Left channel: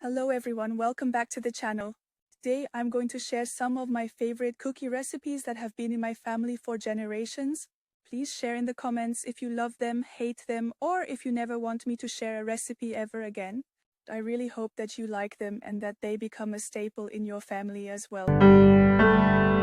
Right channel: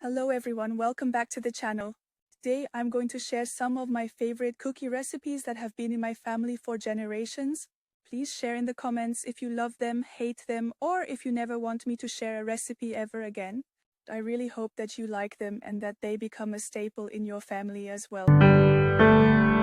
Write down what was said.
Hello everyone, welcome back to the channel. Today I'm going to share some of my favorite cookie recipes that have been in my family for generations. Please share in the comments if you love them, hate them, or if you never want me to share a recipe ever again. I really hope that you like them and that they become a staple in your family as well.